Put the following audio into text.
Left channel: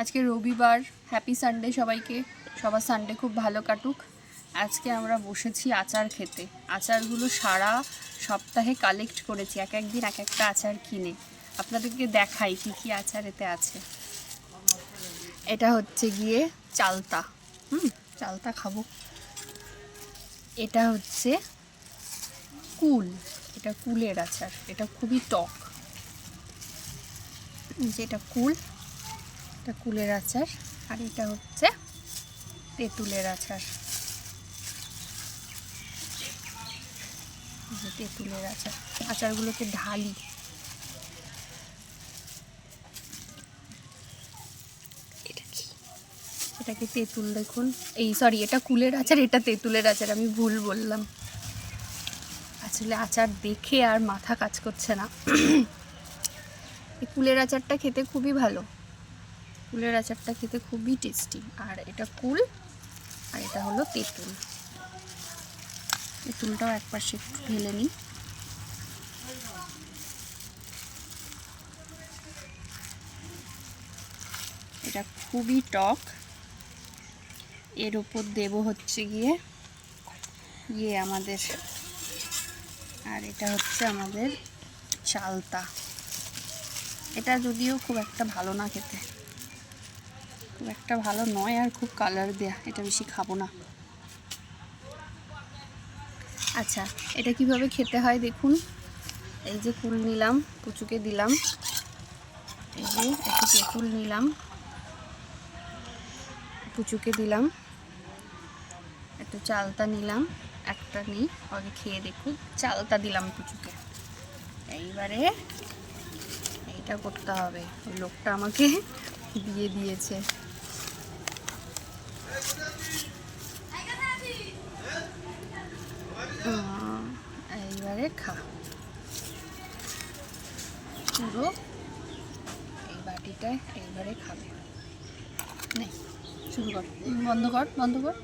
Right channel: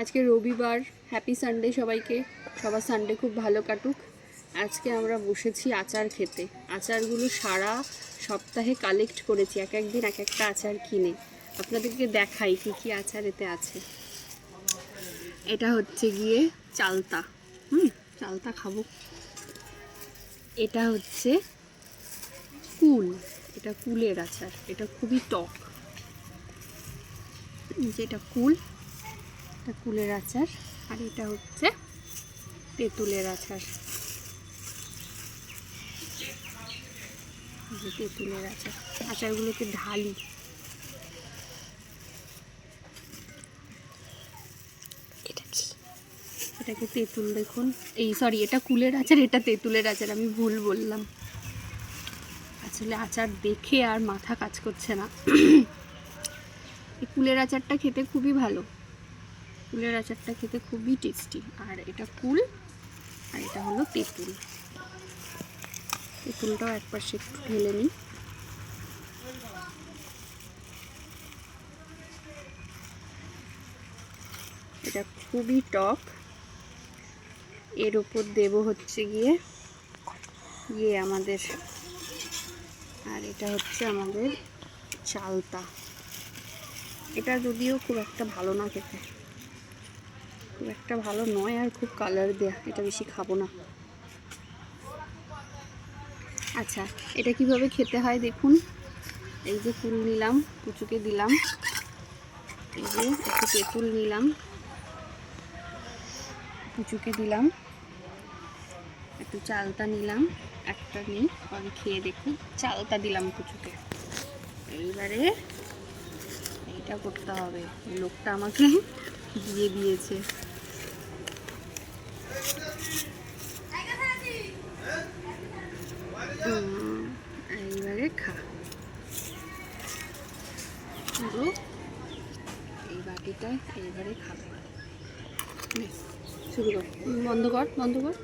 আজকে রবিবার, happy Sunday সবাইকে। সবার সানডে খুব ভালো কাটুক। আজকে আমরা বসেছি আচার খেতে। আচারগুলো সারা সপ্তাহে কালেক্ট করেছি, এক একদিন এক একটা আচার কিনে। আপনাদেরকে দেখাই কী কী আচার এতে আছে। এটা হচ্ছে গিয়ে চালতা, চালতা খাবো। এটা হচ্ছে কুল, এটা কুলের আচার, এটা খুবই টক। যেটা কুল, এটা কুলের আচার। আর এটা হচ্ছে তেঁতুলের আচার, তেঁতুলের আচার। আচারগুলোকে ঢালি। এটাকে তেঁতুল, দেখুন এই সরি, এটা কুলের আচার, এটা তেঁতুলের আচার, আমি ভুল বললাম। আসলে আচার দেখে আর মাথা কাজ করছে না। এই কুলের আচারটা খেতে খুবই ভালো, কুলের আচারটা খেতে খুবই টেস্টি। আর এটা কুল, আর এটা হলো তেঁতুল। তেঁতুলটাও একপাশে একটু ঢেলে নিই। এটা খুবই টক। এর ওপর দেব হচ্ছে গিয়ে আমাদের, আর এটা হচ্ছে আমাদের চালতা। এটা যদিও খুব একটা ভালো না খেতে, খুব একটা ভালো নয়, আর খুব কালার দেয়া, এটা বেশি খাবো না। আচ্ছা, এটা কিভাবে খেতে হয় দেখুন। এই যে কুল নিলাম, পুচুকে দিলাম। এই যে একটু তেঁতুল নিলাম, পুচুকে দিলাম। একটু চালতা নিলাম, একটা নিই, আগে খেয়ে দেখুন। চালতা দিলাম পুচুকে। এইবারে এটা করতে হবে, লোকটা আমাকে দিয়ে দিয়েছে। এইবারে খা, এই বাটিটায় এইবারে খাবে। নে শুরু কর, বন্ধ কর, বন্ধ কর।